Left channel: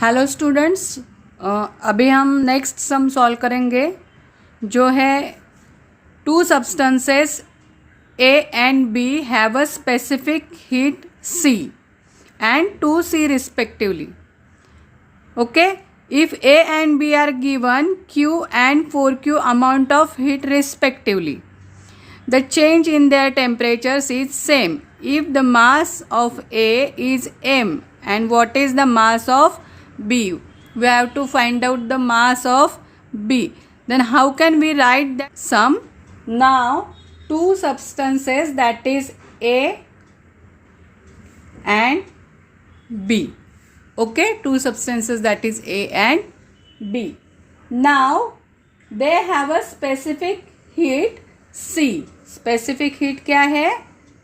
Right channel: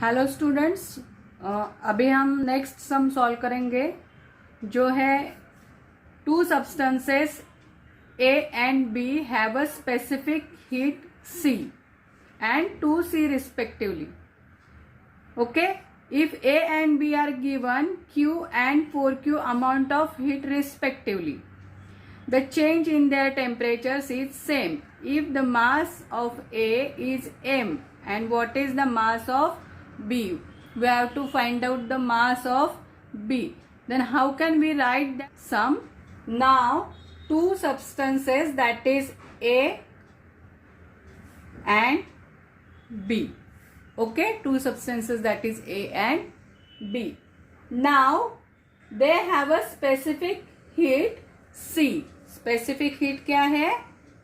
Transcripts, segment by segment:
Hello students, अभी हम next sum solve करेंगे जो है two substances A and B have a specific heat C and 2C respectively. Okay, if A and B are given Q and 4Q amount of heat respectively, the change in their temperatures is same if the mass of A is M and what is the mass of B. We have to find out the mass of B. Then how can we write that sum? Now two substances, that is A and B. Okay, two substances, that is A and B. Now they have a specific heat C. Specific heat क्या है?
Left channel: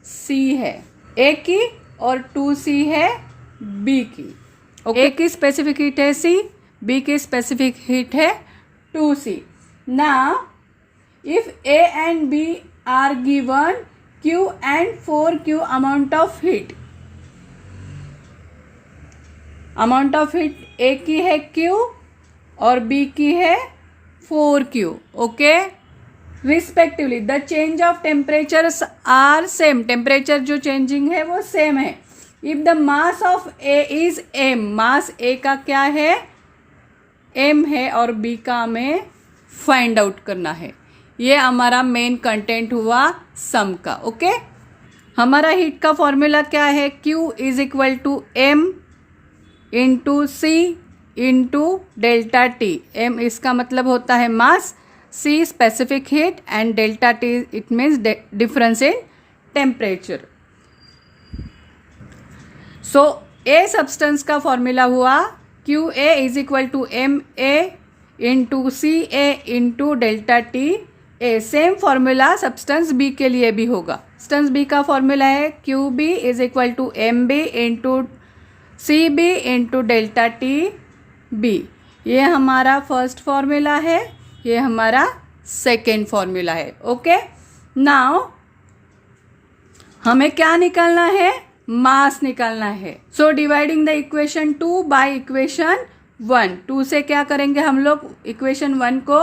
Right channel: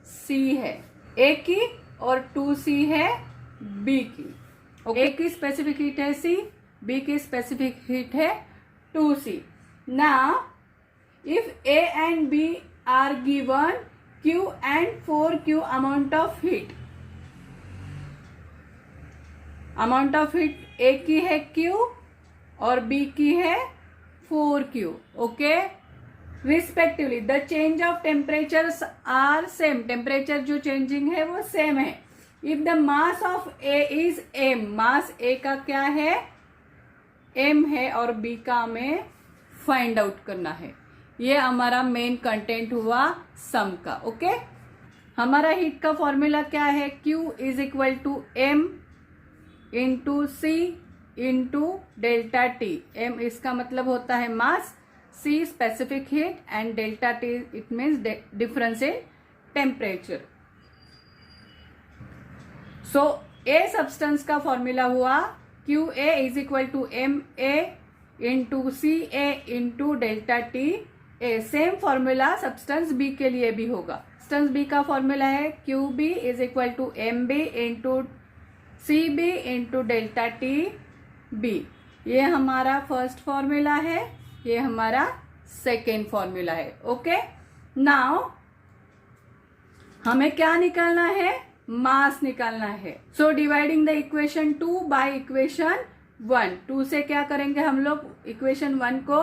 C है A की और 2C है B की. Okay. A की specific heat है C, B की specific heat है 2C. Now if A and B are given Q and 4Q amount of heat, amount of heat A की है Q और B की है 4Q. Okay, respectively the change of temperatures are same. Temperature जो changing है वो same है. If the mass of A is M, mass A का क्या है? M है और B का हमें फाइंड आउट करना है. ये हमारा मेन कंटेंट हुआ सम का. ओके, हमारा हीट का फॉर्मूला क्या है? Q is equal to M into C into delta T. M इसका मतलब होता है mass, C specific heat and delta T it means difference in temperature. So A substance का फॉर्मूला हुआ Q A is equal to M A into C A into delta T A. Same formula substance B के लिए भी होगा. Substance B का formula है Q B is equal to M B into C B into delta T B. ये हमारा first formula है, ये हमारा सेकेंड फॉर्मूला है. ओके, नाउ हमें क्या निकालना है? मास निकालना है. So dividing the equation 2 by equation 1. 2 से क्या करेंगे हम लोग? इक्वेशन 1 को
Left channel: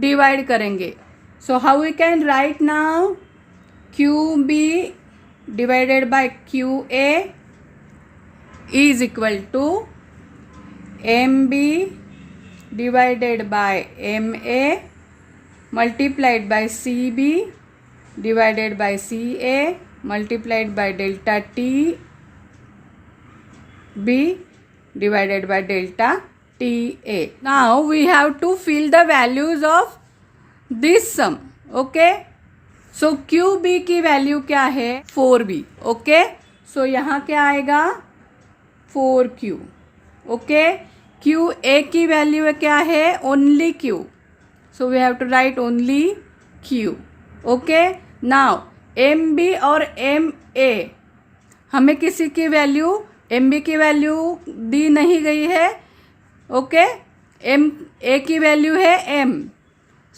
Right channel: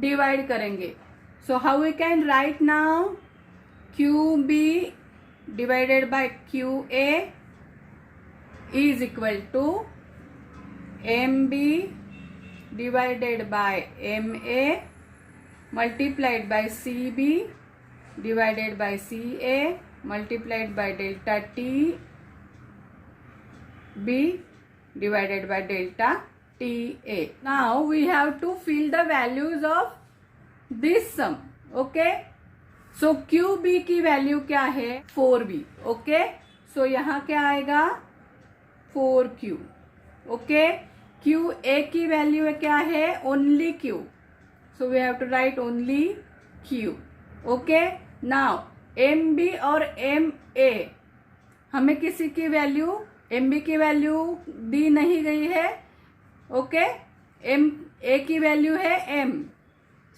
डिवाइड करेंगे. So how we can write now? Q B divided by Q A is equal to MB divided by MA multiplied by CB divided by CA multiplied by delta TB divided by delta TA. Now we have to fill the values of this sum. Okay, so QB की value क्या है? 4B. Okay, सो यहाँ क्या आएगा? 4Q. Okay, Q A की value क्या है? Only Q. So we have to write only Q. Okay, now MB और MA हमें किसी की वैल्यू, MB की वैल्यू दी नहीं गई है. ओके, MA की वैल्यू है M.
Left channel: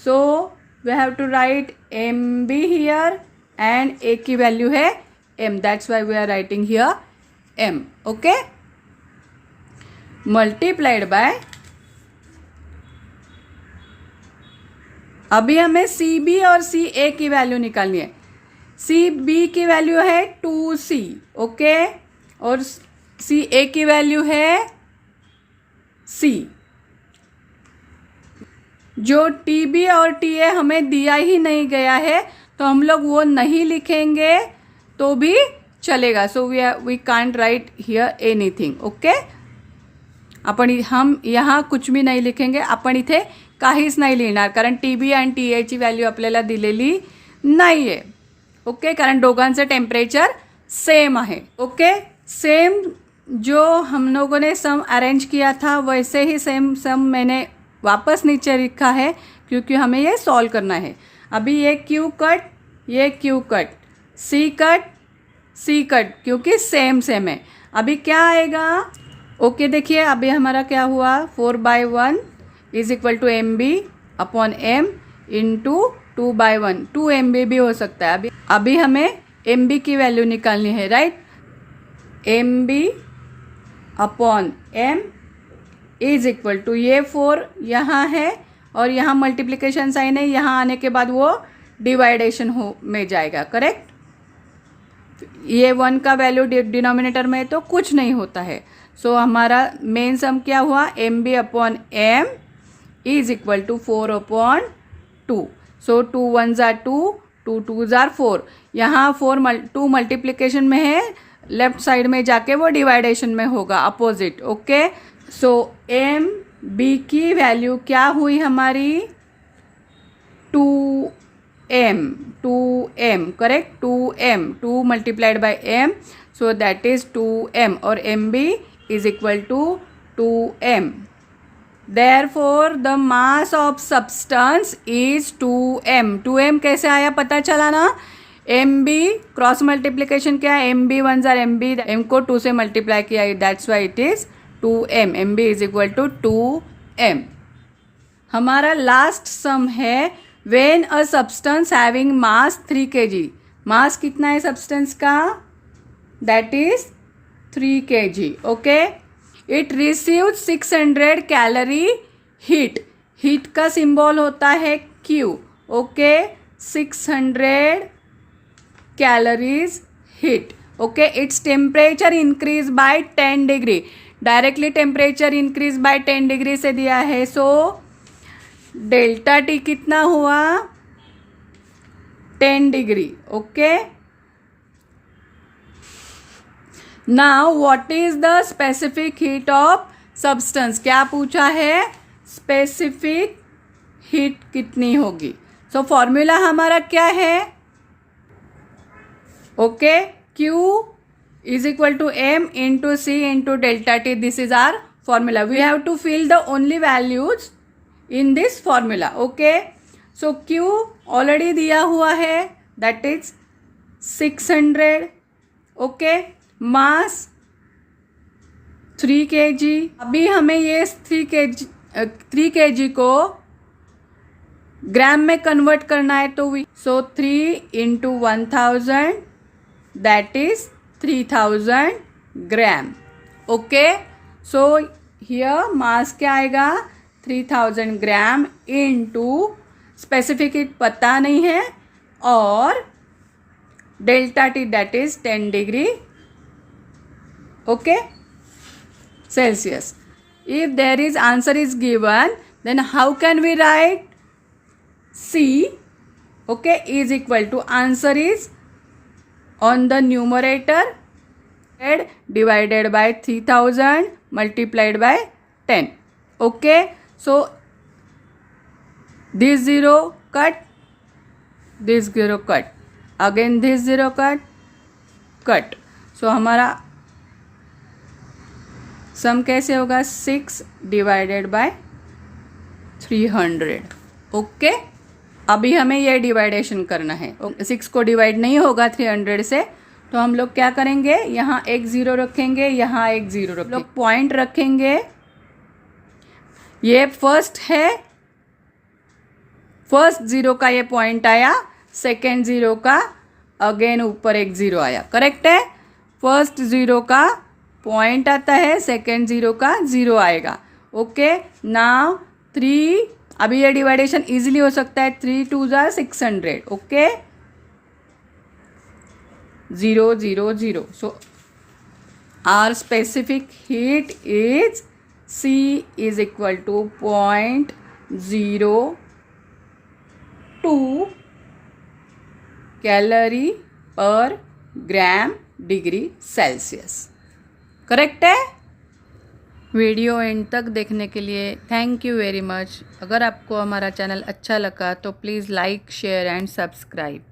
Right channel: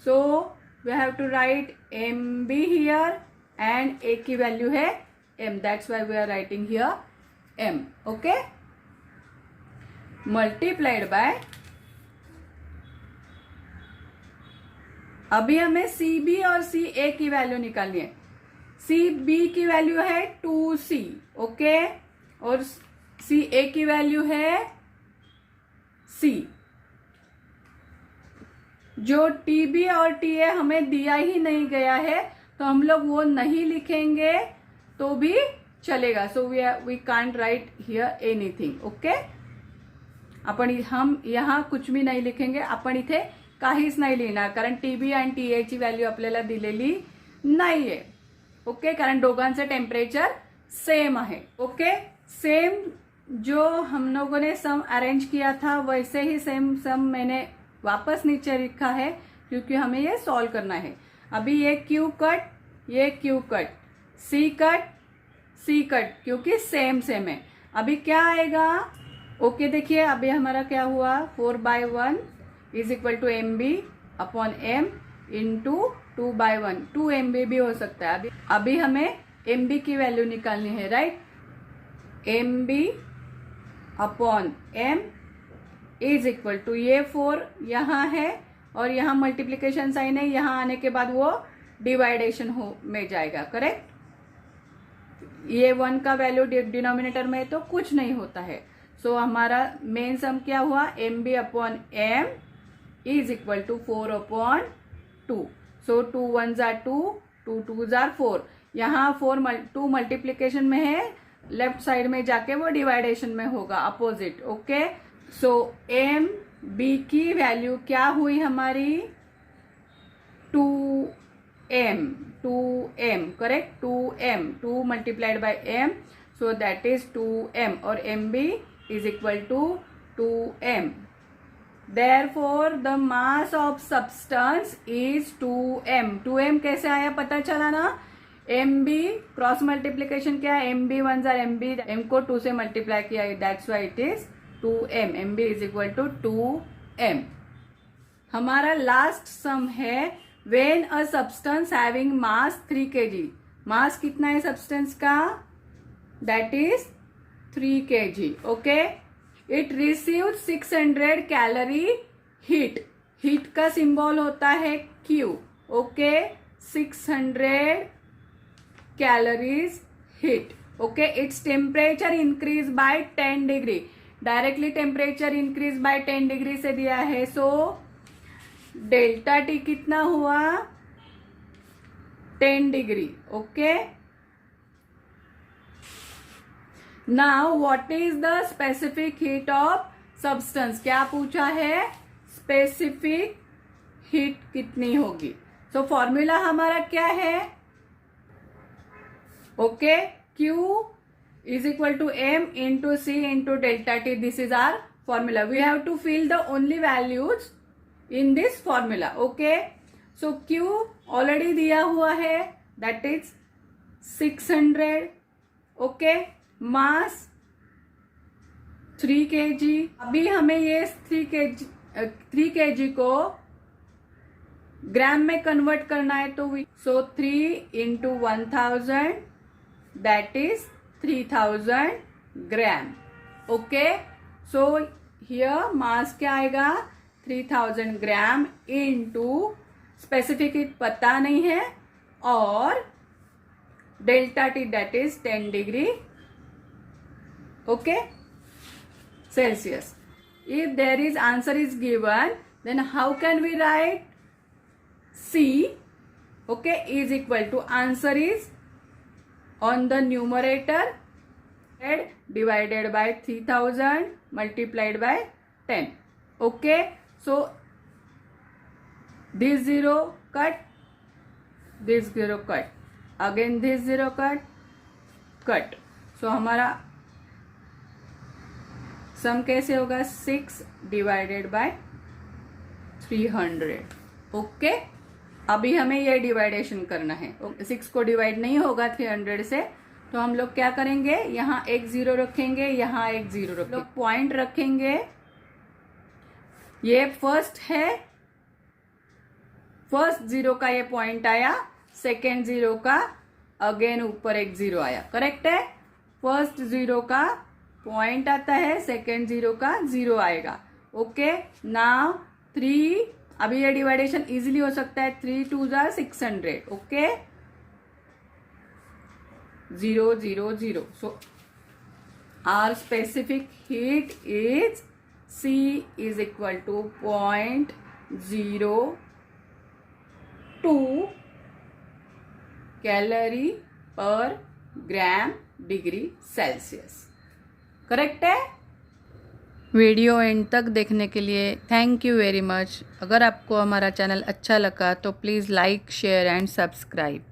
So we have to write MB here and A की वैल्यू है M. That's why we are writing here M. Okay, multiplied by, अभी हमें सी बी और सी ए की वैल्यू निकालनी है. सी बी की वैल्यू है 2C. ओके, और सी ए की वैल्यू है C. जो टी बी और टी ए हमें दिया ही नहीं गया है तो हम लोग वो नहीं लिखेंगे तो भी चलेगा. So we can't write here anything. Okay, हम यहाँ कुछ भी नाही लिखेंगे. आपण इथे काहीच नाही लिहिणार कारण टी बी आणि टी एची व्हॅल्यू आपल्याला दिलेली नाही आहे. ओके, कारण दोघांचं टेम्परेचर सेम आहे. ओके, सेम जो हम लोगों ने सम अरेंज किया था वैसे ही सेम सम मैंने वापस नीचे लिखा है क्योंकि हमें ये सॉल्व करना है. अभी ये क्यू कट, ये क्यू कट, सी कट, सी कट, क्योंकि सेम सेम है. अभी क्या आएगा? ओके, देखिए अभी हमारा क्या हुआ? 4/1 is equal to MB upon M into 2/1. 2 MB भी हो सकता है. अभी हमें MB की वैल्यू निकालनी है, right? MB upon M is equal to, ये 4 यहाँ है और यहाँ मल्टीप्लिकेशन साइन है, यहाँ आने के बाद वो डिवाइडेशन हो में जाएगा, करेक्ट। ये 1 का वैल्यू डिनोमिनेटर में तो कुछ नहीं होता है। सो हमारा मेन सम क्या हुआ, M B upon M is equal to 4 upon 2। So 2 1 जार 2, 2 2 जार 4। यहाँ 2 मल्टीप्लिकेशन में है, लेफ्ट साइड में जाके वो डिवाइडेशन में होगा, opposite, okay. So M B की वैल्यू क्या हुई हमारी, 2m, correct, 2m, 2 multiplied by m, so that is 2m, और mb is equal to 2m। Therefore the mass of substance is 2m। 2m कैसे आया पता चला ना, mb क्रॉस मल्टीप्लिकेशन क्या है, mb 1 जार mb, m को 2 से मल्टीप्लाई किया, that's why it is 2m। mb is equal to 2m। हमारा लास्ट सम है, when a substance having mass 3 kg, mass कितना है सब्सटेंस का, that is 3 kg, okay. It receive 600 calorie heat, heat का symbol होता है Q, okay, 600 calories heat, okay. Its temperature increase by 10 degree, directly temperature increase by 10 degree से दिया है, so delta T कितना हुआ, 10 degree, okay. Now what is the specific heat of substance, क्या पूछा है, स्पेसिफिक हीट कितनी होगी। सो फॉर्मूला हमारा क्या है, okay, Q is equal to m into C into delta T, this is our formula। we have to fill the only values in this formula, okay। so Q already दिया हुआ है, that is 600, okay। Mass 3 kg, अभी हमें ये 3 kg को ग्राम में convert करना है, तो so 3 into 1000 that is 3000 gram, okay. So here mass क्या आएगा, 3000 ग्राम इनटू स्पेसिफिक हीट पता नहीं है, और delta T that is 10 degree, okay, Celsius। if there is answer is given, then how can we write C, okay, is equal to, answer is on the numerator divided by 3000 multiplied by 10, okay। so this 0 cut, this 0 cut, again this 0 cut, so हमारा सम कैसे होगा, 6 divided by 300, okay. अभी हमें ये डिवाइडेशन करना है, 6 को divide नहीं होगा 300 से, तो हम लोग क्या करेंगे, यहाँ एक 0 रखेंगे, यहाँ एक 0 रखेंगे, लोग पॉइंट रखेंगे, ये फर्स्ट है, फर्स्ट 0 का ये पॉइंट आया, सेकेंड 0 का अगेन ऊपर एक 0 आया, करेक्ट है। फर्स्ट 0 का पॉइंट आता है, सेकेंड 0 का 0 आएगा, ओके। नाउ 3, अभी ये डिवाइडेशन इजीली हो सकता है, 3 2 जार 600, okay, 0 0 0। So our specific heat is C is equal to 0.02 calorie per gram degree Celsius, correct है। वीडियो एंड तक देखने के लिए थैंक यू वेरी मच। अगर आपको हमारा चैनल अच्छा लगा तो please like, share and subscribe.